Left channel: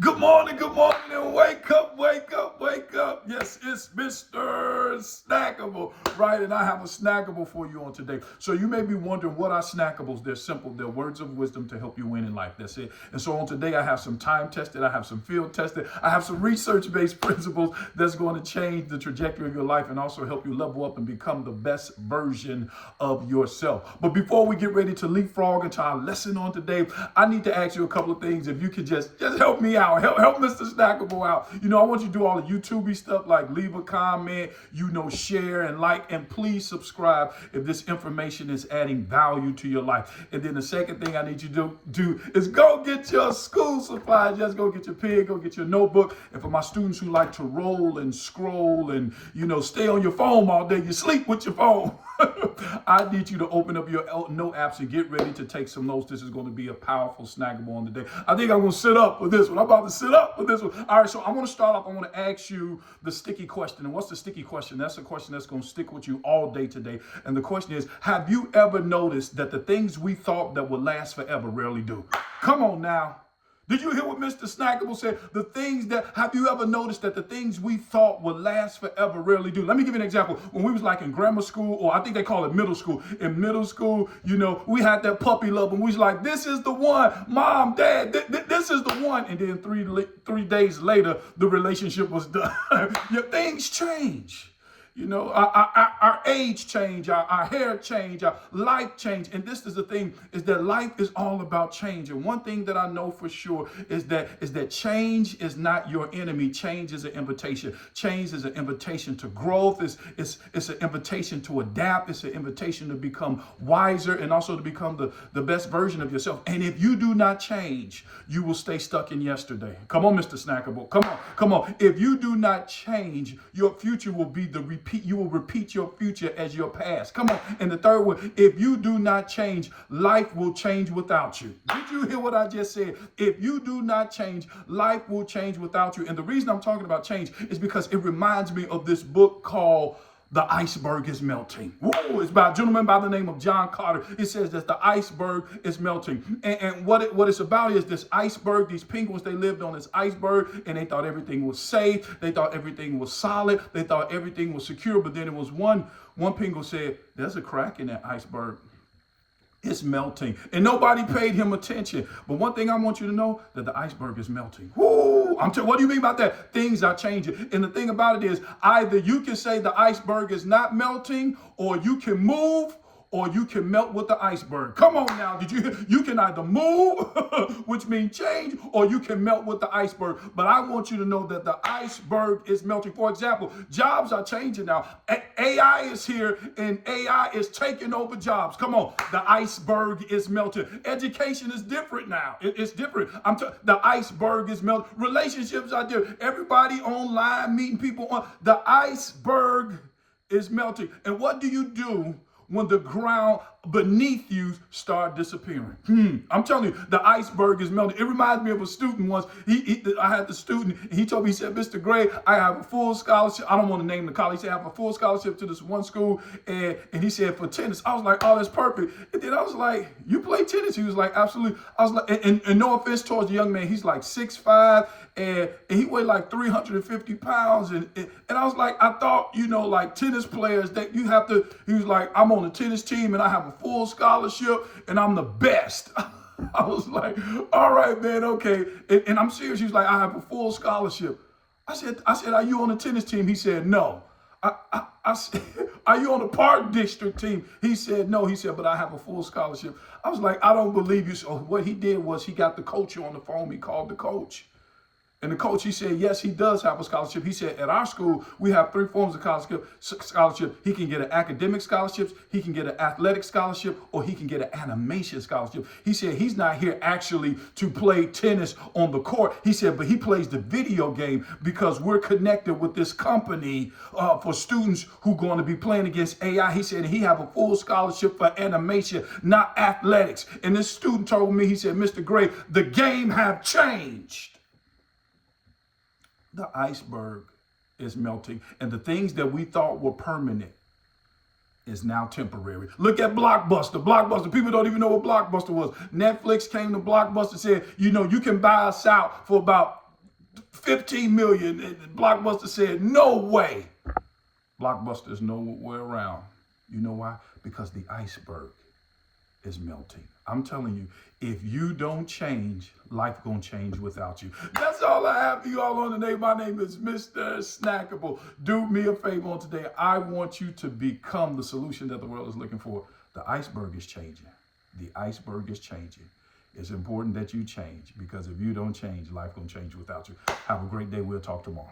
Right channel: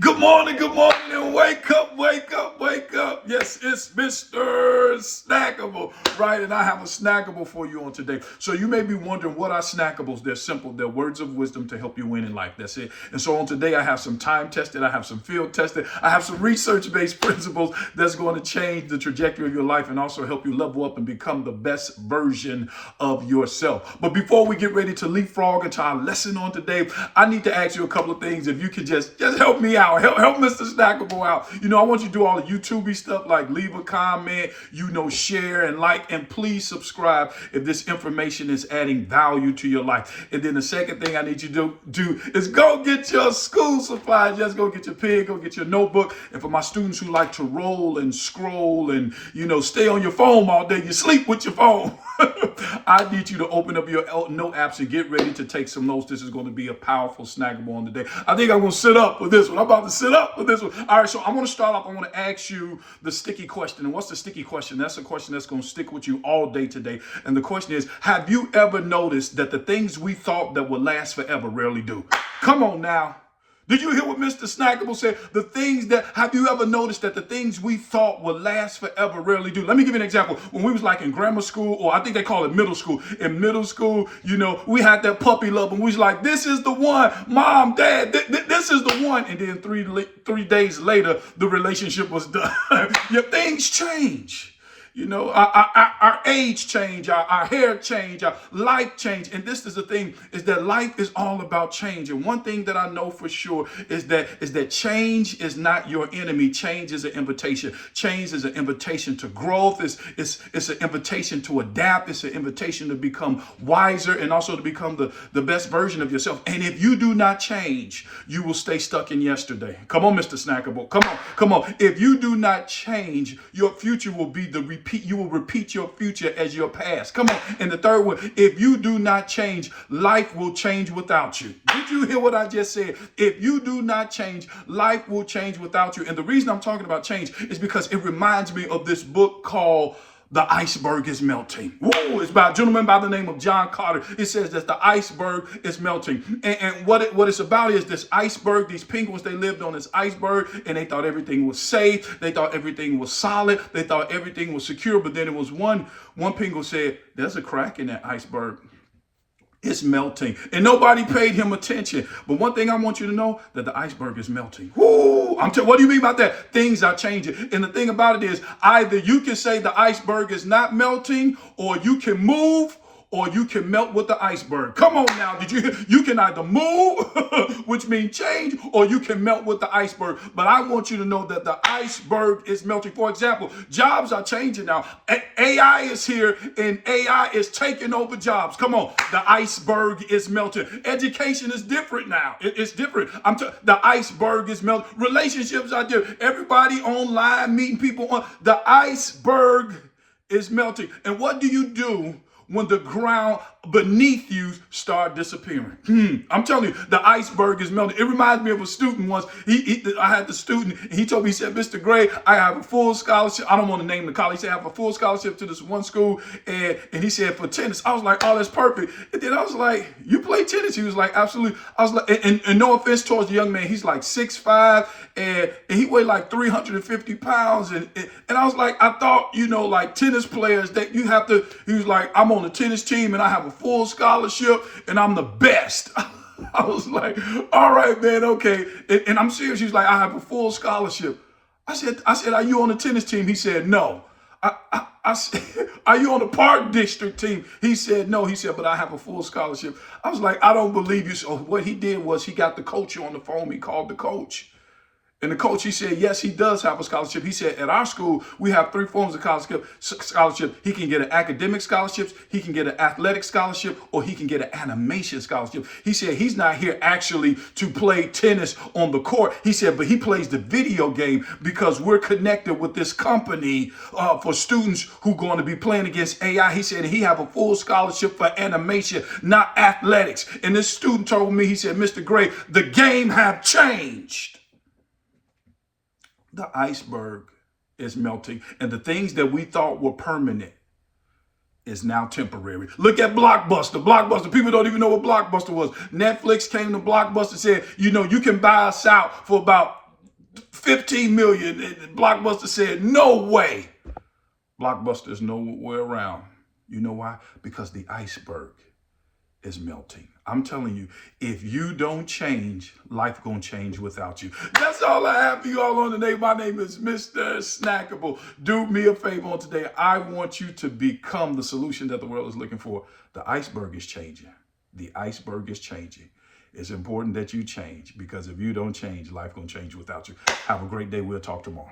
Good morning, and wake up, wake up, wake up. Yes, it's Mr. Snackable, right? And I have a snackable for you on today. So you may be wondering what are snackables? They're simple. They're words of wisdom to help you win in life. That's it. And so on today, I have some time tested, I have some field tested, I have some research-based principles that's going to change the trajectory of your life and also help you level up and become the best version of yourself. But before we get ready to leapfrog into our lesson on today, I need to ask you a couple of things. If you could just help me out, help Mr. Snackable out. I want you to do all the YouTube stuff like leave a comment, share and like, and please subscribe if this information is adding value to your life. And then the second thing I need you to do is go get your school supplies. Just go get your pen, go get your notebook. And for my students who like to roll and scroll and, stay on your phone all day, you sleep with your phone. I need you to open up your note apps and get ready to take some notes. This is going to be a powerful snackable on the day. I think I'm going to sit up for this one. I'm about to sit up for this one. All right, so I'm going to start off. I want to ask you the sticky question. And what's the sticky question? That's a question that's going to stick with you all day today. And the question is, have you ever noticed that the things we thought that would last forever rarely do? Come on now. Did you hear what Mr. Snackable said? Have you ever noticed that the things we thought would last forever rarely do? Let me give you an example. When we was like in grammar school, or I think they call it middle school. In middle school, we had that puppy love, and we was like, this is the one, mom, dad, this is the one. And then three days later, the relationship was done. Things change. Our age change, our hair change, our life change. And this is the thing, is that life is all about change. And one thing that I know for sure is that change is not your enemy. Change is an invitation. Change is an invitation to growth. It's an invitation to adapt. It's an invitation to become wiser and also to become the best version of yourself. And if you do not change, you will stay stuck in yesterday. Come on, Mr. Snackable. Come on. If you do not change, your future will be you will repeat your future as your past. Come on. And the third one, if you do not change, life will change without you. Did you hear what I just said? If you do not change, life will change without you. And the reason I'm talking about change is because it reminds me of this book called The Iceberg is Melting. Whoa, it's by a gentleman by the name of John Carter. It says that the iceberg is melting. And what it's about is this iceberg, these penguins, they lived on this iceberg and they thought everything was safe. They thought everything was solid. They thought everything was secure. But then it was one penguin said, there's a crack in that iceberg. It's melting. And nobody paid him attention. But one thing I want you to know, that the iceberg is melting. Woo! What do you mean about that? Things are changing. And the thing about it is, either you can say the iceberg is not melting, or you can move, or you can melt with the iceberg. Come on now. You can either move, which means change, or you can melt with the iceberg. But I want you to know that the iceberg is melting. For example, jobs are changing now. AI is here, and AI is taking over jobs. Come on. The iceberg is melting. Education is different now. It's different. The iceberg is melting. Relationships are different. Everybody online, meeting people on. The iceberg is melting. And what do you do when the ground beneath you start disappearing? I'm telling you, the iceberg is melting. It reminds me of a student once. I had the student, and he told me, he said, Mr. Gray, I have a full scholarship. I don't want to name the college. He said, I have a full scholarship to this one school. And he said, for tennis. I was like, oh, that's perfect. And then I was like, you play tennis? He was like, absolutely. I was like, and no offense towards the young man, he's like 6'5", and he weighed like 350 pounds. And I was like, I thought, like tennis players, that you have to, he was like, I'm on the tennis team and I have a full scholarship and I'm the best. I was like, all right, man, okay. And I'm serious. He was like, I have a full scholarship. I said, are you on the tennis team? He said, no. I said, are you on the park district team? He said, no. He said, but I have a full scholarship. I was like, I don't believe you. So what he did was he got the coach on the phone. He called the coach. And the coach, he said, yes, he does have a scholarship. He said, at our school, we have 3 forms of scholarship. He can get an academic scholarship, he can get an athletic scholarship, or he can get an animation scholarship. He said he's not here actually to play tennis on the court. He said, but he plays the video game because we're connected with this company for students who are going to be playing against AI. He said he have a full scholarship for animation, not athletics. And this student told me, he said, Mr. Gray, the game have changed. The iceberg is melting, and the things that we thought were permanent is now temporary. Look at Blockbuster. Blockbuster, people don't even know what Blockbuster was. Netflix came to Blockbuster and said, you can buy us out for about 15 million. And Blockbuster said, no way. Blockbuster is nowhere around. You know why? Because the iceberg is melting. I'm telling you, if you don't change, life gonna change without you. That's all I have for you all on today. My name is Mr. Snackable. Do me a favor on today. I want you to become the solution that the world is looking for. The iceberg is changing. The iceberg is changing. It's important that you change, because if you don't change, life gonna change without you. Have a great day. We'll talk tomorrow.